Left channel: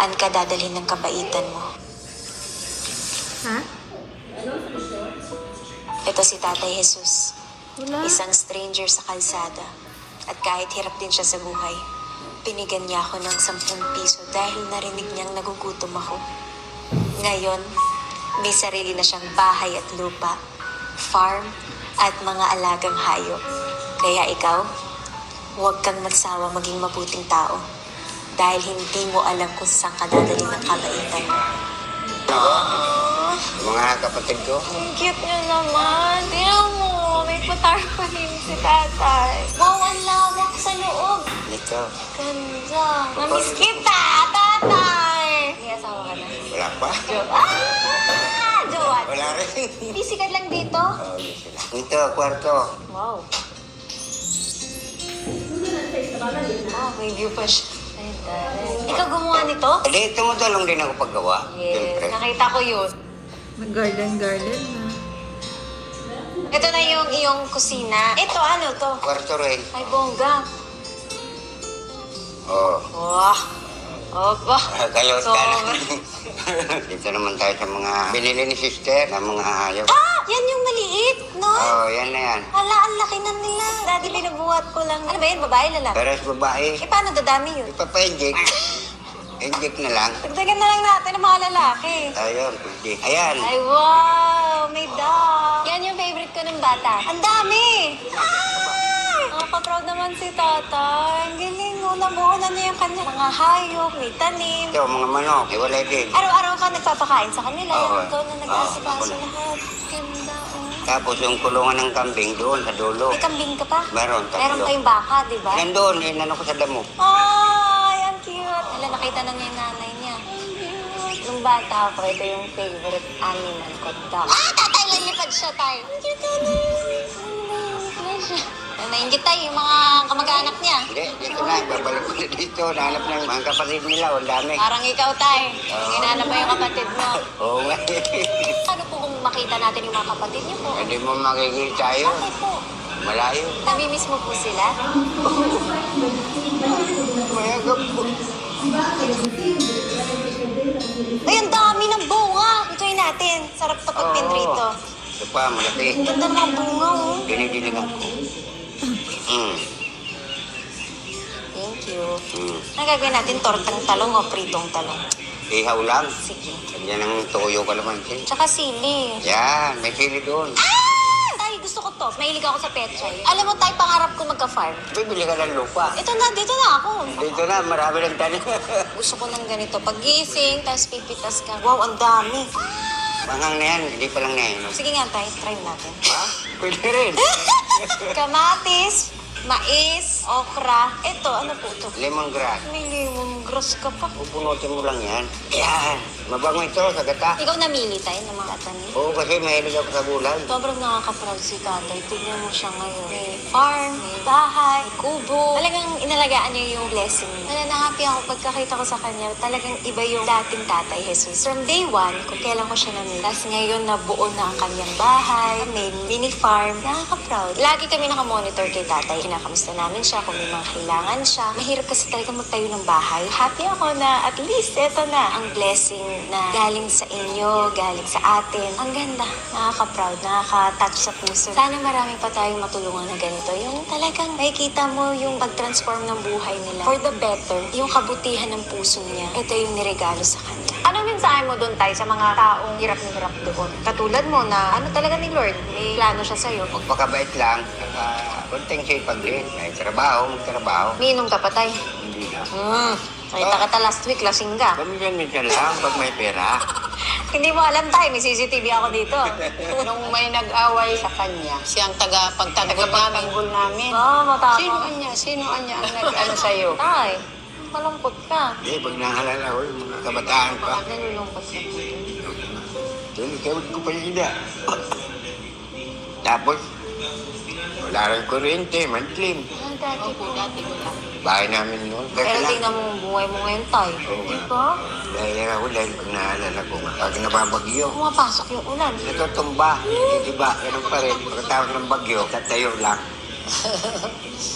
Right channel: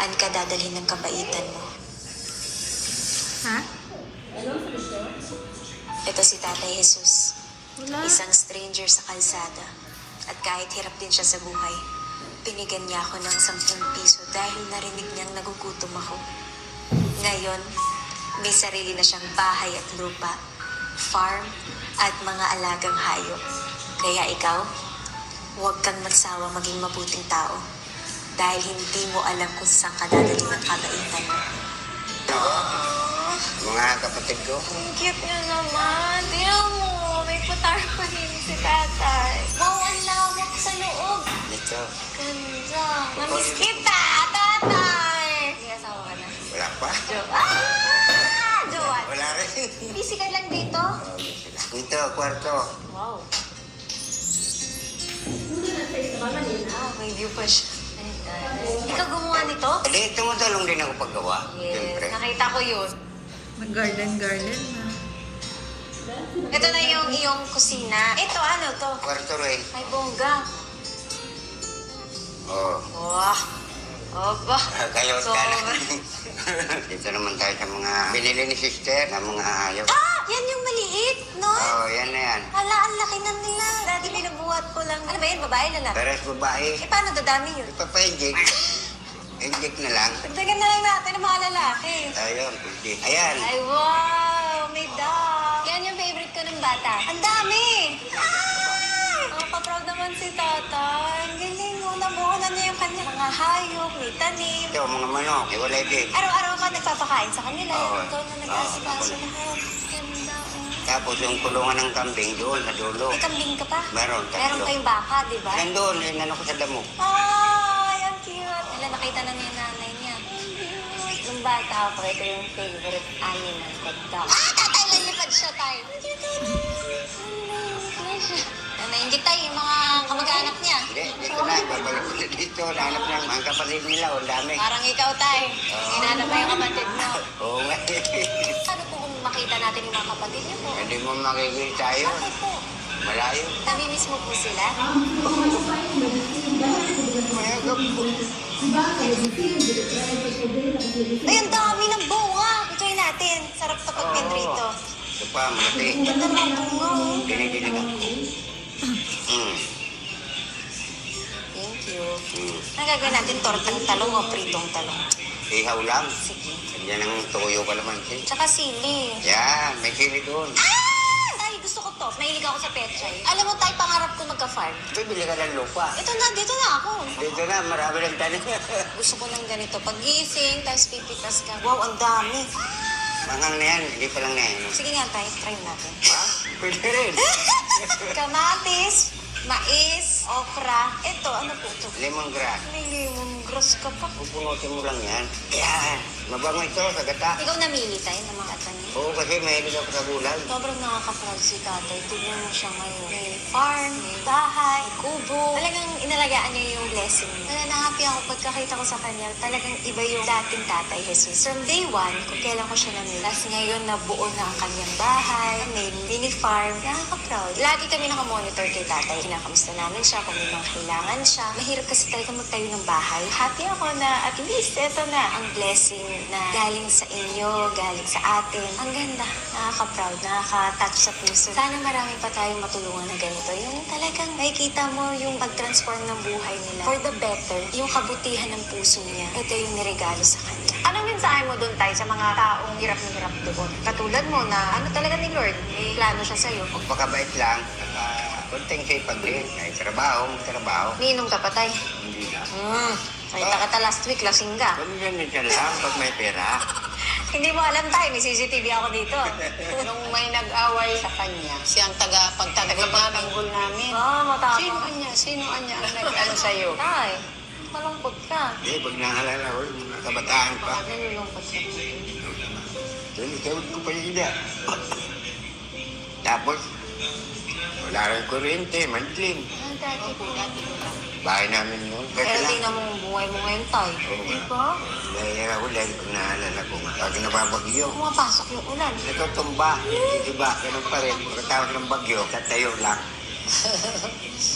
Saan ka dadalhin ng kabaitan mo? Ha? Ito si Tatay Jesus. Wala. Isang stranger sa kalsada. At kahit hirap din siya sa buhay, binigyan niya ako ng 10 piso dahil narinig niyang nagugutom ako. Ngayon, may sarili na siyang bahay at lupa, farm, at mga alagang hayop. Kaya ikaw, huwag kang magsawa maging mabuting tao dahil hindi mo alam kung saan ka dadalhin ng kabaitan mo. Mga kapatid ko, Ang cute niya naman. Tingnan mo, may patarpahin si tatay. Wow, ang lawak sa loob. ito, Ganda. Namiss kita, tatay. May asawa ka na? wala pa? Jowan. Wala rin. Busy ka lang dito? Oh, dito, kwarto. Wow. Oh, may view pa siya. Ganda. Ikaw gumawa nito? Hindi, tumutulong din ako paggawa. Siyempre. Yes, nakita ko yun. Nag-garden-garden na. Ito na yung iyong kusina. Ito, ano to? Kwarto rin. Ay, bongga. Oh. Wow. Opa. Kayo, So, dito naman tayo sa mga binili ni sister na mga hayop. yan yung maliit, no? Oh, yan na yan. Wala, ang laki na nila. Dati pinabuhat ko lang. Ano ba yun, babae na lang? Pero sa babae, Eh, paano dadami yun? ipapainjik. Injik na lang. Dagdagan na lang natin ang mga lalaki. Ayun, injik. Ayan. Ay, wow! May dog! Yan yung favorite ko ng bata. Ang dami! Ay! Nakaka-proud naman si tata. Ang galing mo. Nabuo na niya yung kanya. Mga hayop, may tanim. Ito, mga manok, iwalay din. Araw-araw ka nagpapakain sa kanila. Oo. Ikaw na nag-asikaso Oo, ako lahat. Ganda, oh. Tapos yung kulungan ng kambing doon sa dulo. May kambing ka pa? Meron, Meron tatlo. kayong baka, di ba? Nandun, inano ko sa damo. Ay, ang cute. Wala, nakita na niya yung nanay niya. Ang cute. Nung bata ako, ito yung favorite animal ko, dog. Tatay, lalipad siya, tay. Ang cute, tatay. Nainggit tayo yung mga kamag-anak niya. Hindi, dito na, babalik ko na dito. Nahanap ng mga kapatid nila, ang dami. Parang ikaw, tay. Oo. Hinanap mo yung kapatid mo. Oo nga. Ano po kung makita natin yung mga kapatid niyo po? Hindi mo makikita yun. Bakit po? Malayo. Namimiss mo po sila? Mayagap po. Ay, ang dami ng bunga! Ito'y natin. Sarap to pag rito. Ito pa, malaki. Ganda ng mga bunga, oh. Dinidilingan ko. Thank you. Mm. Ang gagawin natin, tortang talong o pritong talong. Ihaw lang. Sige. Yan ang toyo kalamansi. Tsaka sili. Yan, may sili doon. Tay, gusto ko to. Mahilig ako sa pechay. Alam mo, tay, pangarap ko magka-farm. Bibili ka ng lupa. Ito na, dito na ako. Dito na, marami ng tanim. Gusto ko ng ganito. Pag-gising, tapos pipitas ka. Wow, ang dami. Mangang na yan, hindi pa lang na yan. Sige nga, tay, try natin. Ha? Pwede rin. Kamatis, mais, okra. Ito, ano po ito? Lemongrass. May lemongrass ka pa. Pupunutin mo lang yan. Yan. Mabango ito sa gata. Ikaw namili tayo ng mga tanim. Oo, kasi mahilig ako sa gulay. Sobrang nakaka-proud si tatay. Tignan mo siya ngayon. May farm, may bahay, may kubo. Talagang inalagaan niya yung blessing niya. Kaya na-happy ako pagkakita ko sa kanya. Talagang iba yung dating tatay Jesus. From day one, kung kailan ko siya namili. Tapos ngayon nabuo na ang kanyang bahay, may mini farm. Nakaka-proud. Lagi kami nakamonitor kay tatay. Kinakamusta namin siya kung may mga kailangan siya. Mahirap kasi talaga magtayo ng bahay. Happy ako na at least ito na ang blessing na galing sa inyo, galing sa atin. Ang ganda. Nakaka-proud, nakaka-touch sa puso. Sana marami pa tayong matulungan na ganito. Yung talagang makikita mo yung pag-transform ng buhay nila. For the better, yung kabutihan ng puso niya. Ito yung niregalo sa kanya. Anong mensahe mo doon tayo sa mga taong hirap na hirap doon? Katulad mo na ano talaga ni Lord, may plano siya sa'yo. Magpakabait lang. Konting sipag din. May trabaho, magtrabaho. Miinom ka pa tayo. Hindi na. Nakita kita last week, lasing ka. Minsan lang pag may pera. Hindi mo alam tayo, may CCTV ako dito. Nung may nag-away sa kanya, siyang tagapagtanggol namin. Matapang. Sino anya ang nag-ano sa'yo? Tay, malungkot ka. Hindi, pag nahalala ko, yung mga kabataan pa. Nalulungkot ka po. Doon, ikawag ko pa sila. Tapos, wala rin kuryente, mantlim. Dati po. Bahay namin noon. Pero Kasi lang. tingnan mo ang buhay mo ngayon, Tay. Oo Di nga. ba? Dahil ako, dahil pag naalala ko, pag nababagyo, Pumapasok yung ulan. natutumba. Diba, ganun pa rin. Pagkatapos ng bagyo, tatayo lang.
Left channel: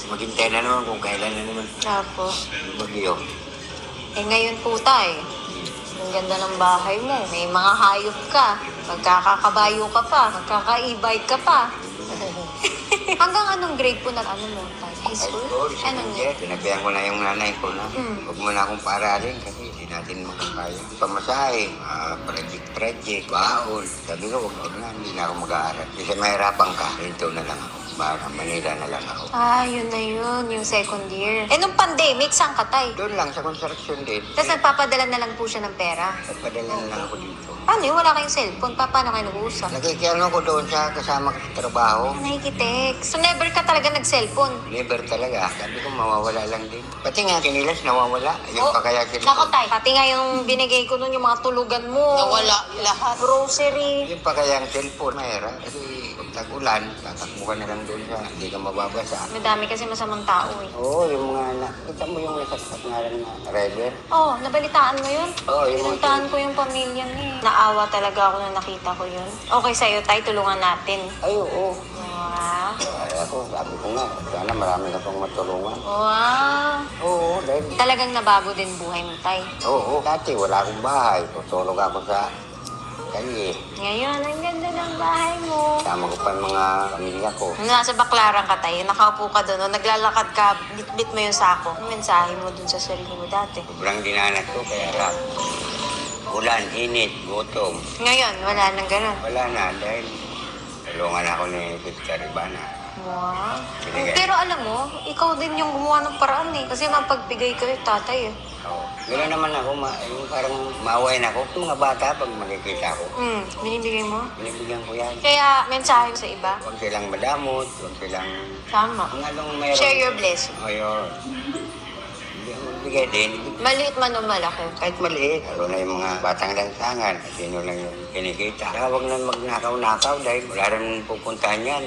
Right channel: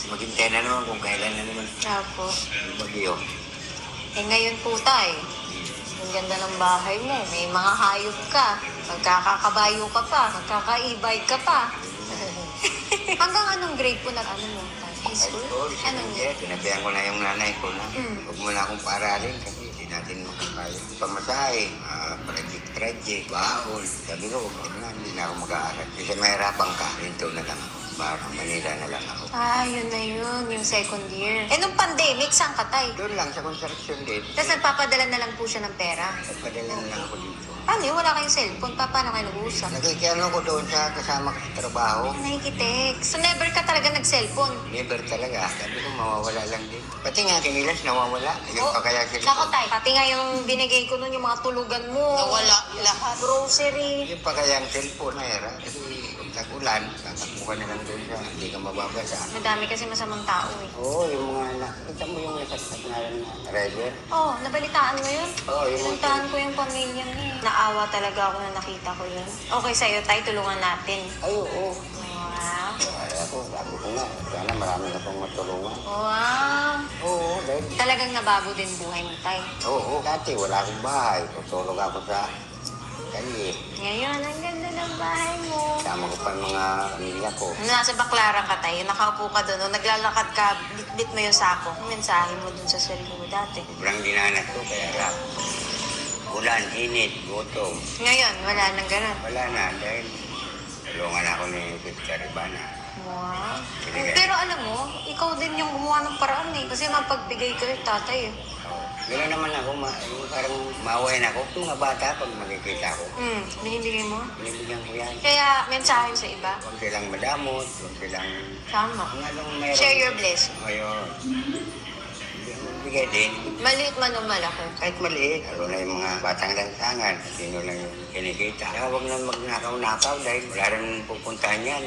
Maghintay na naman kung kailan na naman Tapos, yung bagyo. Eh ngayon po tay, ang ganda ng bahay mo. May mga hayop ka. Magkakakabayo ka pa. Magkaka-e-bike ka pa. Hanggang anong grade po na ano mo tay? High school? Anong year? Sinabihan ko na yung nanay ko na huwag mo na akong paaralin kasi hindi natin makakaya. Pamasahe, project, baon. Sabi ko, huwag na, hindi na ako mag-aaral. Kasi mahirapan ka, rito na lang ako. Baka Manila na lang ako. Yun na yun. Yung second year. Eh, nung pandemic, saan ka tay? Doon lang sa construction din. Tapos nagpapadala na lang po siya ng pera. Nagpadala na lang ako dito. Paano yun? Wala kayong cellphone. Paano kayo nag-uusap? Nakikiano ko doon sa kasama ko sa trabaho. Nakikitext. So, never ka talaga nag-cellphone? Never talaga. Sabi ko, mawawala lang din. Pati nga, kinilas, nawawala. Yung pa kaya sila. Nako tay, pati nga yung binigay ko nun, yung mga tulugan mo. Nawala lahat. Grocery. Yung pa kaya ang cellphone, mahirap. Kasi pag tag-ulan, tatakbo ka na lang doon sa hindi ka mababasa. Madami kasi masamang tao eh. Oo, yung mga nakita mo yung nasasat nga lang na rider. Oh, nabalitaan mo yun? Oo, yung mga Nabalitaan ko yung pamilya niya. Naawa talaga ako na nakita ko yun. Okay sa'yo tay, tulungan natin. Ay, oo. Wow. Ay, ako, sabi ko nga, sana marami na pong matulungan. Wow. Oo, dahil... Talagang nabago din buhay mo tay. Oo, dati wala akong bahay. Tutulog ako sa kalye. Ngayon, ang ganda ng bahay mo. Kasama ko pa yung mga pamilya ko. Nung nasa Baclaran ka tayo, nakaupo ka doon, naglalakad ka, bit mo yung sako. Ang mensahe mo dun sa sarili mo dati. Sobrang dinanas ko, kaya rap. Ulan, init, gutom. Ngayon, wala nang ganun. Wala na, dahil tulungan ako ni Sister Ivana. Wow. Sige. Pero alam mo, ikaw din yung gumawa ng paraan eh. Kasi mapagbigay ka yung tatay eh. Oo. Gano'n naman ako, yung parang maway na ako. Yung mga bata, pag makikita ko, Binibigay mo. binibigyan ko yan. Kaya, mensahe sa iba. Huwag silang madamot, huwag silang... Tama. Kung anong mayroon. Share your blessing. Ayun. Hindi ako magbigay din. Maliit man o malaki. Kahit maliit, lalo na yung mga batang langsangan, at sino lang yung kinikita. Kaya huwag na magnakaw-nakaw dahil wala rin pupuntahan yan.